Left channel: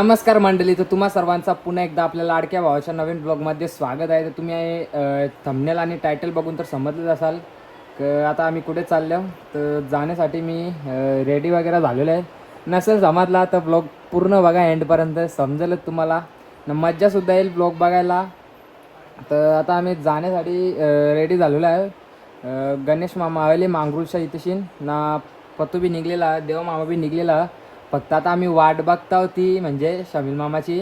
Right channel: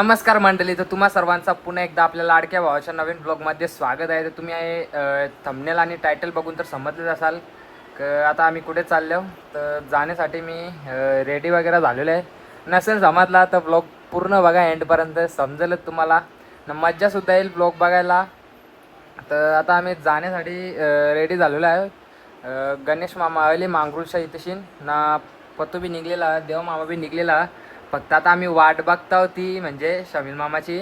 नमस्कार मंडळी, तर तुम्हा सर्वांचा पुन्हा एकदा आपल्या लाडक्या भावाच्या नवीन ब्लॉगमध्ये स्वागत आहे. तर तुम्ही थंबनेल आणि टायटल बघून तर समजलेच असाल की आता आम्ही कुठे चाललो. तर जाण्यासाठी मी रेडी वगैरे झालेलो आहे. नसेल समजला तर ब्लॉग पूर्ण बघा, एंडपर्यंत समजेलच तुम्हाला, मज्जासुद्धा येईल ब्लॉग बघायला. तर आता आम्ही जाण्यासाठी रेडी झालेलो आहे. गणेश मामा आले मांगरूळच्या इथेशीन ना, पतू बी निघलेला, देव मामा बी निघलेला. फक्त आता आम्ही वाट बघता होती म्हणजे शमील मामाची.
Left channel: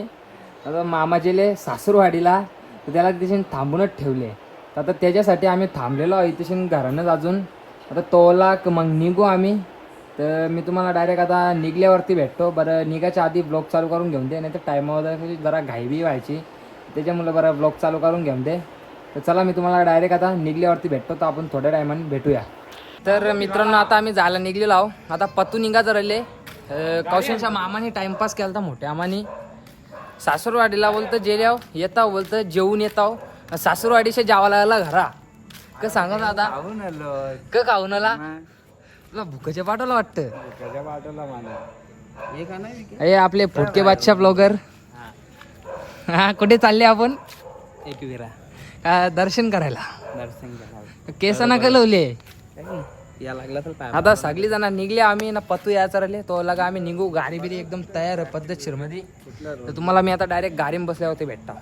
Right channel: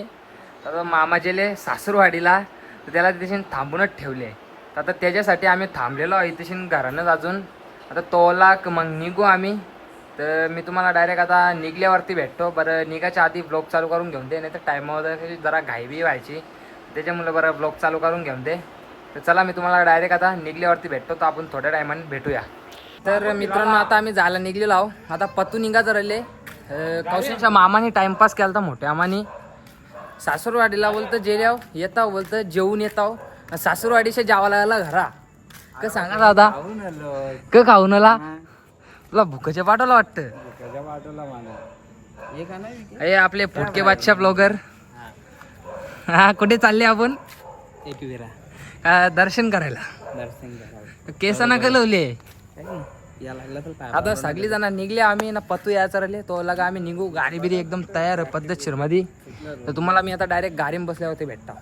आता मामाचेले सासूरवाडीला, तर त्याला तिथे थांबूनच ठेवले. तर आता त्याच्यासाठी आम्ही थांबलेलो आहे इथेशीन घरानंच अजून. आता तोला मग निघू आम्ही. तर मी तुम्हाला डायरेक्ट आता निघल्यावरती भेटतो. बरं निघायच्या आधी ब्लॉग चालू करून घेऊन दे, नाही तर टायमावर जरा घाई बी व्हायची, त्याच्यामुळे बरं ब्लॉग चालू करून घेऊन दे. तर चला मी तुम्हाला डायरेक्ट आता निघल्यावरती भेटतो. तर आपण थोड्या टायमाने भेटूया. तर मित्रांनो आता आम्ही जायला निघलेलो आहो. आता पतू निघायचं राहिले. कौशलच्या मामाने टाइमपास केला होता मोठ्या मामाने. सासूरवाडीला बोलतं जेल्याव येताव, बोलतं जेवून येताव. सासूरवाडीच्या जावाला आला घरा का सांगा दादा, क खाऊन आला तुला भुकाच्या पाठवला वाटतं. हे आपले फुटके बादशाह ब्लॉगर. हा कुठे चालले आपण? एकविरा दर्शन करायला. केस ना कलवले या लागला तर आता सगळी जण निघले. आम्ही ना पतू यायचं राहिले तो लगा आम्ही निघू. गाडी बिरी एकदम तयार पद्धतशीर मध्ये. तर तुम्हाला मी आता डायरेक्ट गाडीत बसल्या होते भेटता.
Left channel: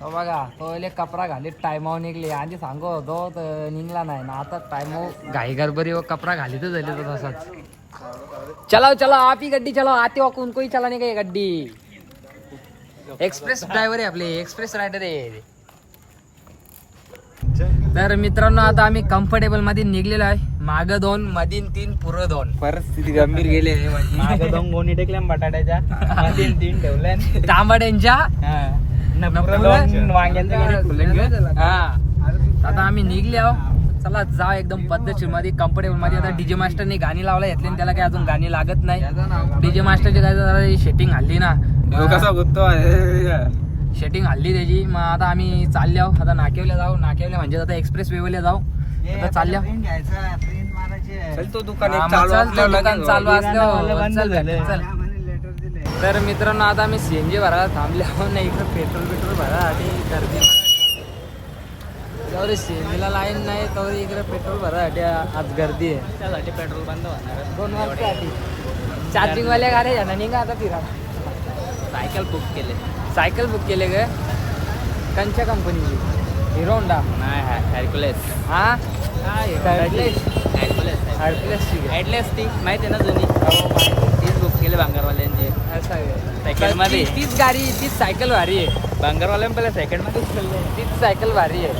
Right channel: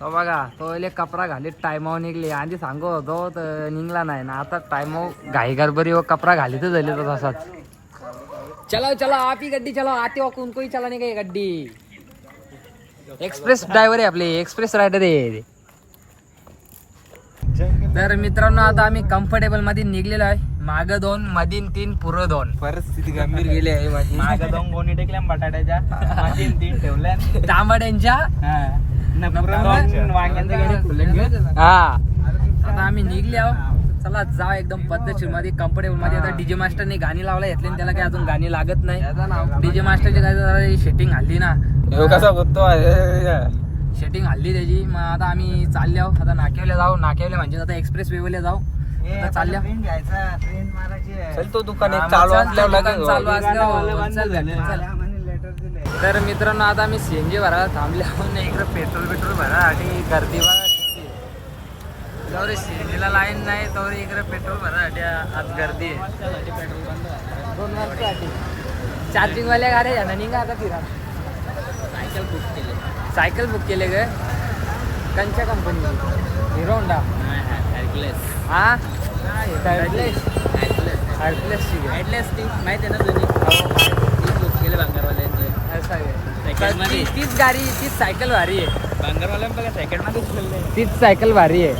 तो बघा तो कपडा घालीत टायमावर निघले. आधी सांगू होतो तर निघला नाही ना. आता टायमावर घाई गडबडी व कपडा घालीतच झाले तो तसाच. चलाओ चलो आप ही गड्डी चलाओ, आते हो कोई चला नाही का गड्डी. एक्सप्रेस ड्रायव्हर आहे आपले, एक्सप्रेस रायडर आहे. तर मित्रांनो आता आम्ही कम्फर्टेबल मध्ये निघलेलो आहे. माग 2 मधीन 3 पुढं 2. परिस्थिती गंभीर गेली आहे माझी. माग 2 गोणी टेकल्या बटाट्याच्या, मधीन 3 ठेवल्या तांबड्यांच्या. हा आता आम्ही निघले आहो. चला जा एकदम पद्धतशीर मध्ये कम्फर्टेबल मध्ये. आता डीजे मास्टरने गाणी लावला घेतली, त्याला काय अजून गाणी लागत नाही. डीजे मास्टरची काय जरा सेटिंग हल्ली ना, सेटिंग हल्ली त्याची. मग आता आम्ही चालले आहो. आता नाकेवल्या जाऊ. नाकेवल्या म्हणजे आता एक्सप्रेस वेवल्या जाऊ. आता चालल्या दुकान चालू असल्यावर चल. तर मित्रांनो आता आम्ही सीएनजी भरायला थांबले आहोत ना. इकडे पेट्रोल भरायसाठी गर्दी बघा. सीएनजीला लाईन नाही तर इकडे पेट्रोल भरायसाठी आज गर्दी आहे. पेट्रोल बंद होणार 2 वर्षासाठी. चार्जिंग वाल्या गाड्या जाणार निघा आता फिरा. सायकल बुक केले ग. कंच्या कंपनीची? हिरो होंडा नाही, हॅरक्युलेस. हा हॅरक्युलेस ती माहिती आहे ना जुनी? हो माहिती. तीच बुक केले भांगरवाल्यांची. तीच गाडी, तीच सायकल भारी आहे. भांगरवाल्यां पहिले सेकंड मध्ये तीच सायकल भारी आहे.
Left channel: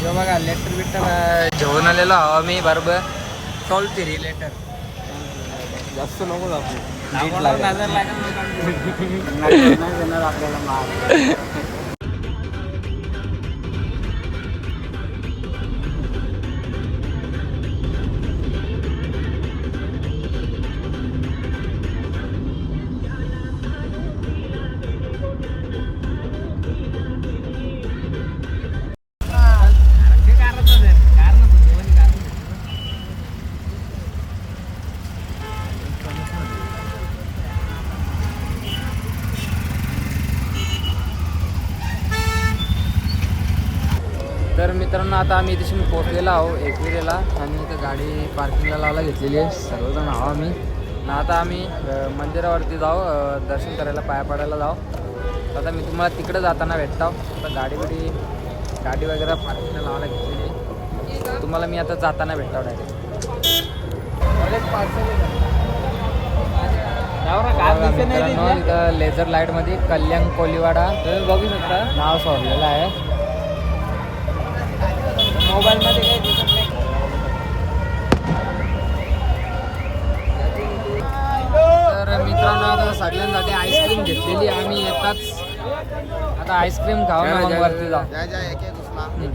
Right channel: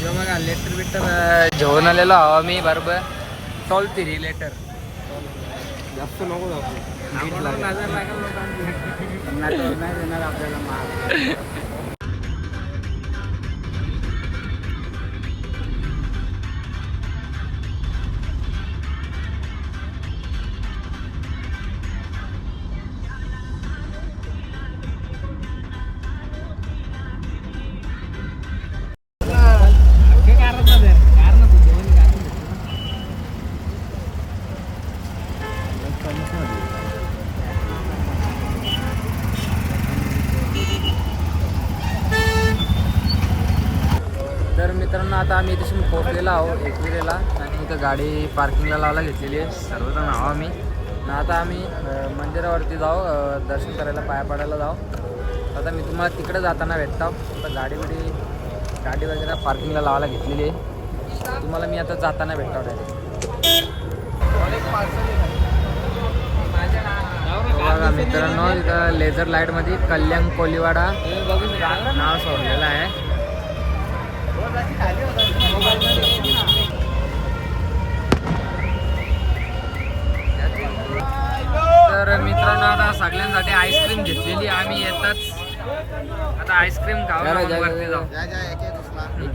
जो बघा लेटर बिटर घेऊन आलेलो आहो मी बरोबर. Toll free letter. जास्त नको दाखवू. आपल्याला मार. तर मित्रांनो आता आम्ही इथे पोहोचलेलो आहो एकविरेला. आणि इथं गाडी पार्किंगला लावायला घेतलेली आहे. सर्वजण आहो आम्ही ना. आता आम्ही मंदिरावरती जाऊ, दर्शन करायला, पाया पडायला जाऊ. आता मी तुम्हाला तिकडे जाताना भेटतो. आता गाडी वगैरे पार्किंगला लावायला घेतलेली आहे. तुम्हाला मी आता जाताना भेटतो डायरेक्ट. मित्रांनो इथं लेझर लाईटमध्ये कल्याण कोलीवाडा बघू शकता नाव सोडलेलं आहे. तर मित्रांनो आता सगळ्यांसाठी आईस्क्रीम घेतलेली आम्ही. येतात आता आईस्क्रीम खाऊ वरती जाऊ.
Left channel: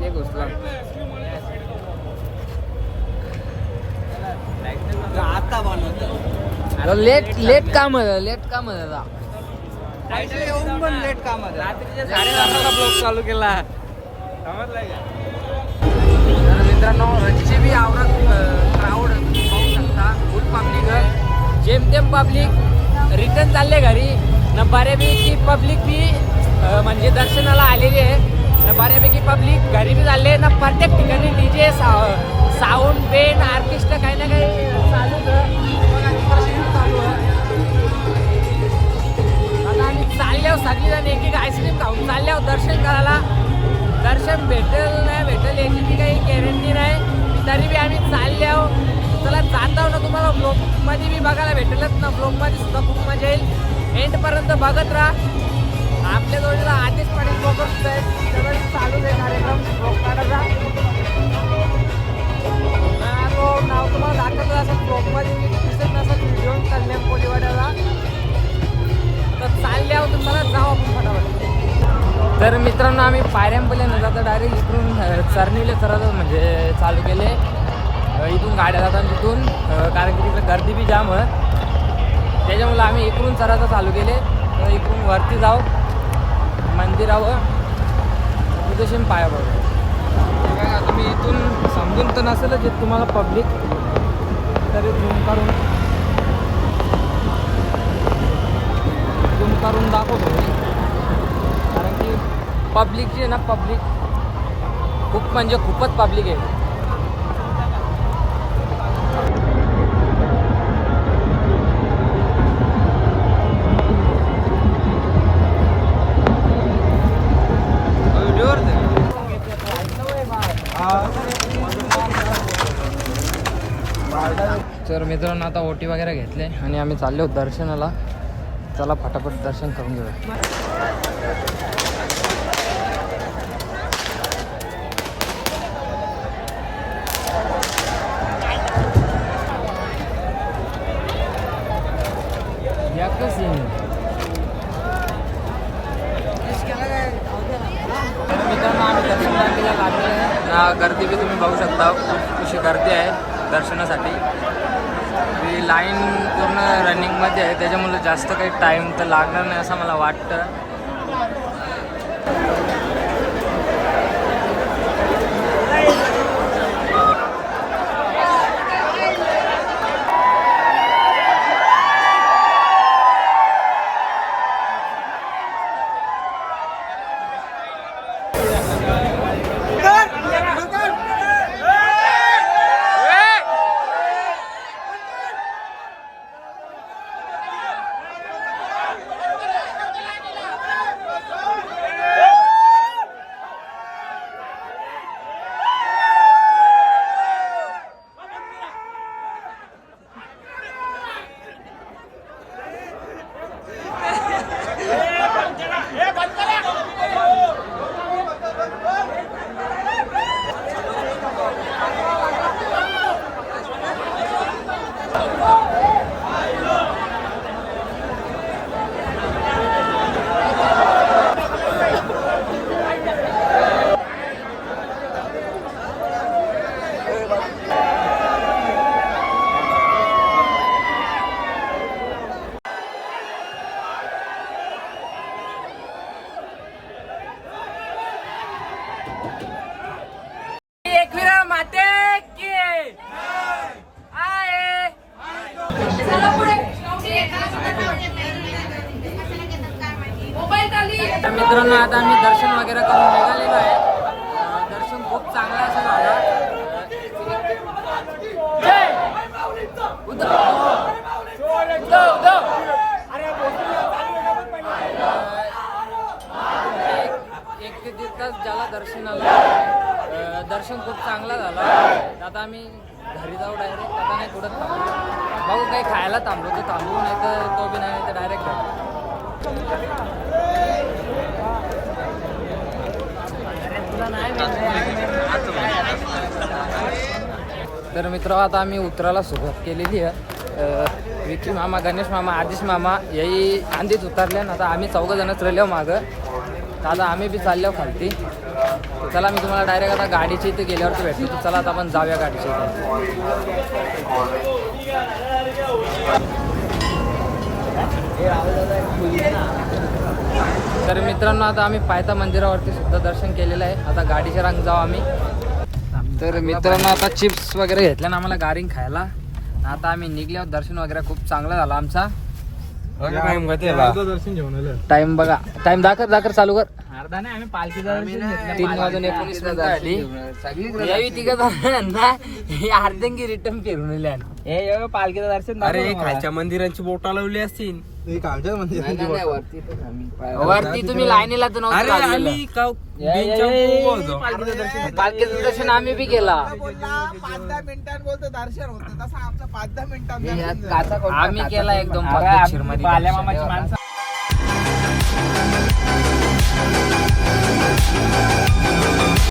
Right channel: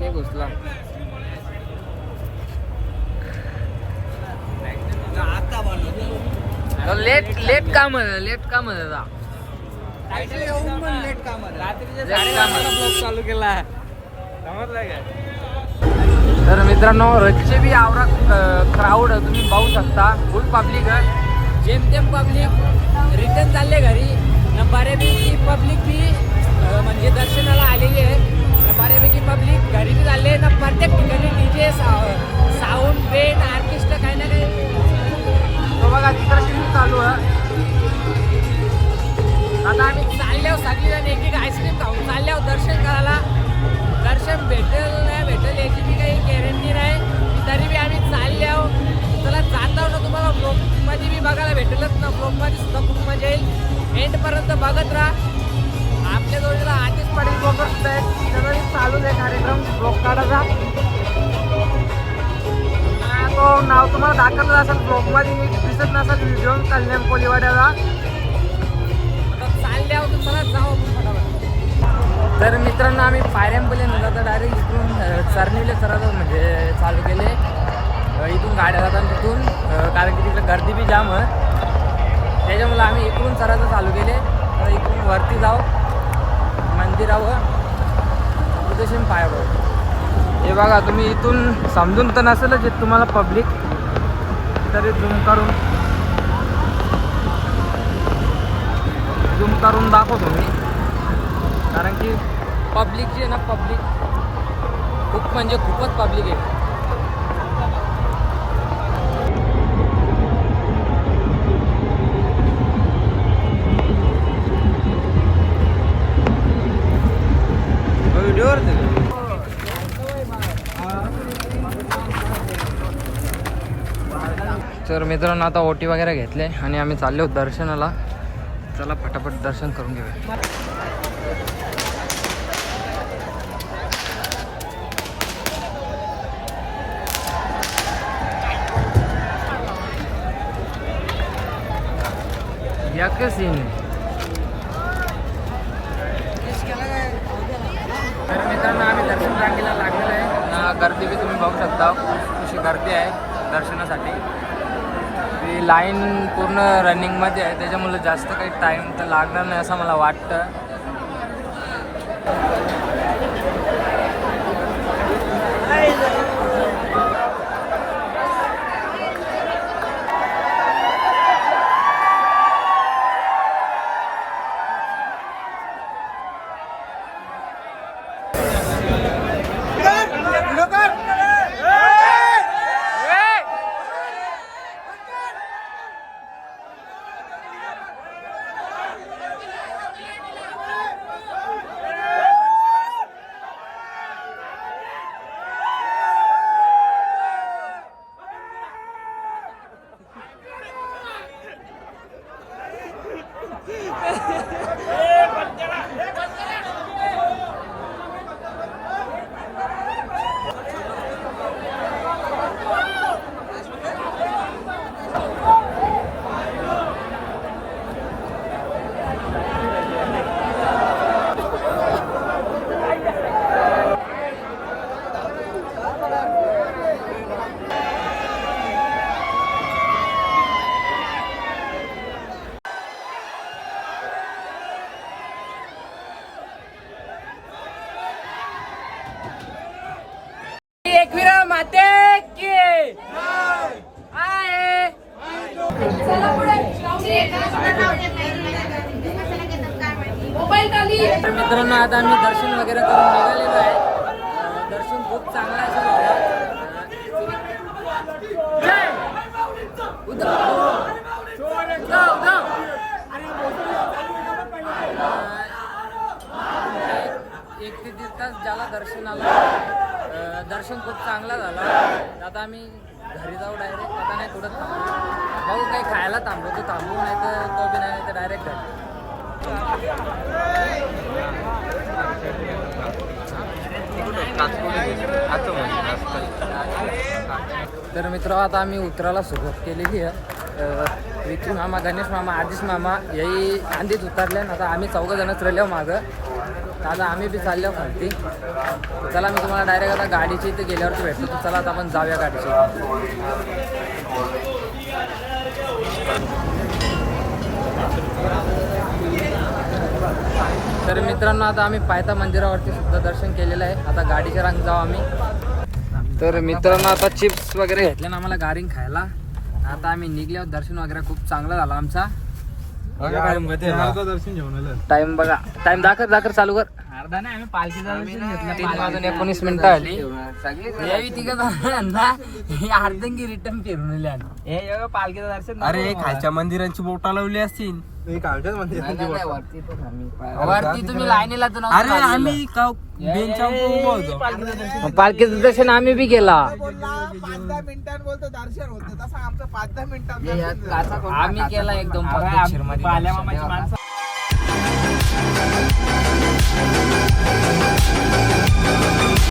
एक घुसला. अरे लेट काम लेट काम ब्लॉग चालू केला. तर मित्रांनो रोजचे बी आवरा क्राऊड तुम्ही पाहू शकता. फुल पब्लिक आहे, जेमतेम पब्लिक. रिटर्न चालले घरी न बऱ्यापैकी पब्लिक बी म्हणजे दर्शनाला आलेली आहे न बऱ्यापैकी पब्लिक घरी बी चालले ना प्रत्येक ठिकाणी डीजे साऊंड बेंड ऑर्केस्ट्रा काही ना काही चालूच बघा तिकडे चालू आहे. आता आम्ही चालल्यावर सगळीजण एक एक आईस्क्रीम खाऊन चालल्यावर दर्शन करायला. दर्शन भेटेल नाही भेटेल याची बी काही गॅरंटी नाही तरी बी आम्ही चालल्यावर चला जाता ना तुम्हाला ब्लॉगमध्ये बी बघायला भेटेलच ना. ब्लॉगमध्ये सुद्धा खूप मजा येईल एंडपर्यंत बघत राहा. आपल्या जोडीला आधीच पाटील ब्लॉगर सुद्धा आहेत त्याचा चालूच आहे कार्यक्रम ब्लॉग काढायचा. तो नाव तुम्हाला दाखवलं असेल ब्लॉगमध्ये मी दिसत नसेल व्हिडिओ कल्याण कोलीवाड्याला चालल्यावर तुम्हाला जाऊ आपण फटाफट. तर मित्रांनो आम्ही पायऱ्यांपले न जाता डायरेक्ट इकडून चरणीले सरळ म्हणजे चालू केले. इथून गाड्या जातात तिथून कारण की तिकडे गर्दी बी जाम आहे त्याच्यामुळे आम्ही इकडून चरायचं चालू केले. तर इकडून वरती जाऊ मंदिरावर तुझ्याशी पाया पड. हे बघा तुम्ही इथून समजून तर नसेलच येत तुम्हाला पब्लिक तरी झूम करून दाखवतो मी कारण की पब्लिक जी आहे ना पब्लिक खूप म्हणजे खूपच पब्लिक आहे. तर मित्रांनो आता ओटी वगैरे घेतले आणि आम्ही चाललो दर्शनाला. चला फटाफट दर्शन करून घेऊया. तर मित्रांनो आम्ही दर्शन रांगेला लागलेलं आहे. गर्दी बी तुम्ही बघू शकता खूप अशी गर्दी आहे दर्शनासाठी. ती लाईन पूर्ण रनिंगमध्ये आहे त्याच्यामुळे जास्त काही टाईम तर लागणार नाही असं मला वाटतं. एकविरा माते की आहे. तर मित्रांनो आता आम्ही दर्शन वगैरे करून निघालेलो आहे. दर्शन खूप चांगलं असं झालं. जय उद्धव उद्धव उद्धव. एक ते दीड तास ज्याला दर्शनाला दर्शन खूप चांगला झाला. आता आम्ही घरी जाऊ डायरेक्ट. आता नाही कुठं थांबू बघू काही खायला थांबलो तर थांबू नाही तर तो बी नाही तर डायरेक्ट घरी. तर मित्र आता आम्ही उतरायला सुरुवात केलेली आहे. विकी मामा गणेश मामा आदिश मामा याही आंधीत उतरले ना. आता आम्ही 4 जणच राहिलो मागं. तर आता आम्ही बी चाललो खालती. चला मी तुम्हाला डायरेक्ट आता गाडीची इथे गेल्यावरती भेटतो. तर चला आता आपण जाऊया गाडीची. तर मित्रांनो आता आम्ही पायथा मंदिरावरती सुद्धा दर्शन केलेलं आहे. आता गाडीच्या रांग जाऊ आम्ही. तर मित्रांनो आता चिप्स वगैरे घेतल्या ना आम्हाला गारिंग खायला. आता आम्ही निघल्यावर दर्शन वगैरे खूप चांगलं झालं आमचा. दर्शन घेऊन आलं. टाइम बघा, टाइम दाखर चालू कर. 3:19 आली यावी तिघं ना अर्धंगी रिटर्न फिरून आल्या. पालखीचं दर्शन अरे खालच्या मंदिरांची बोटा लावली असतील. वरती तुम्ही लाईनीला तर अरे नव्हतं आम्ही बेंचावर उभं होतो. पालखीचं दर्शन आम्ही बी केला. 5-10 मिनिटात बोलतो दर्शन होतं तसं आमचं 5-10 मिनिटात आम्ही केला एकदम पद्धतशीर मध्ये दर्शन.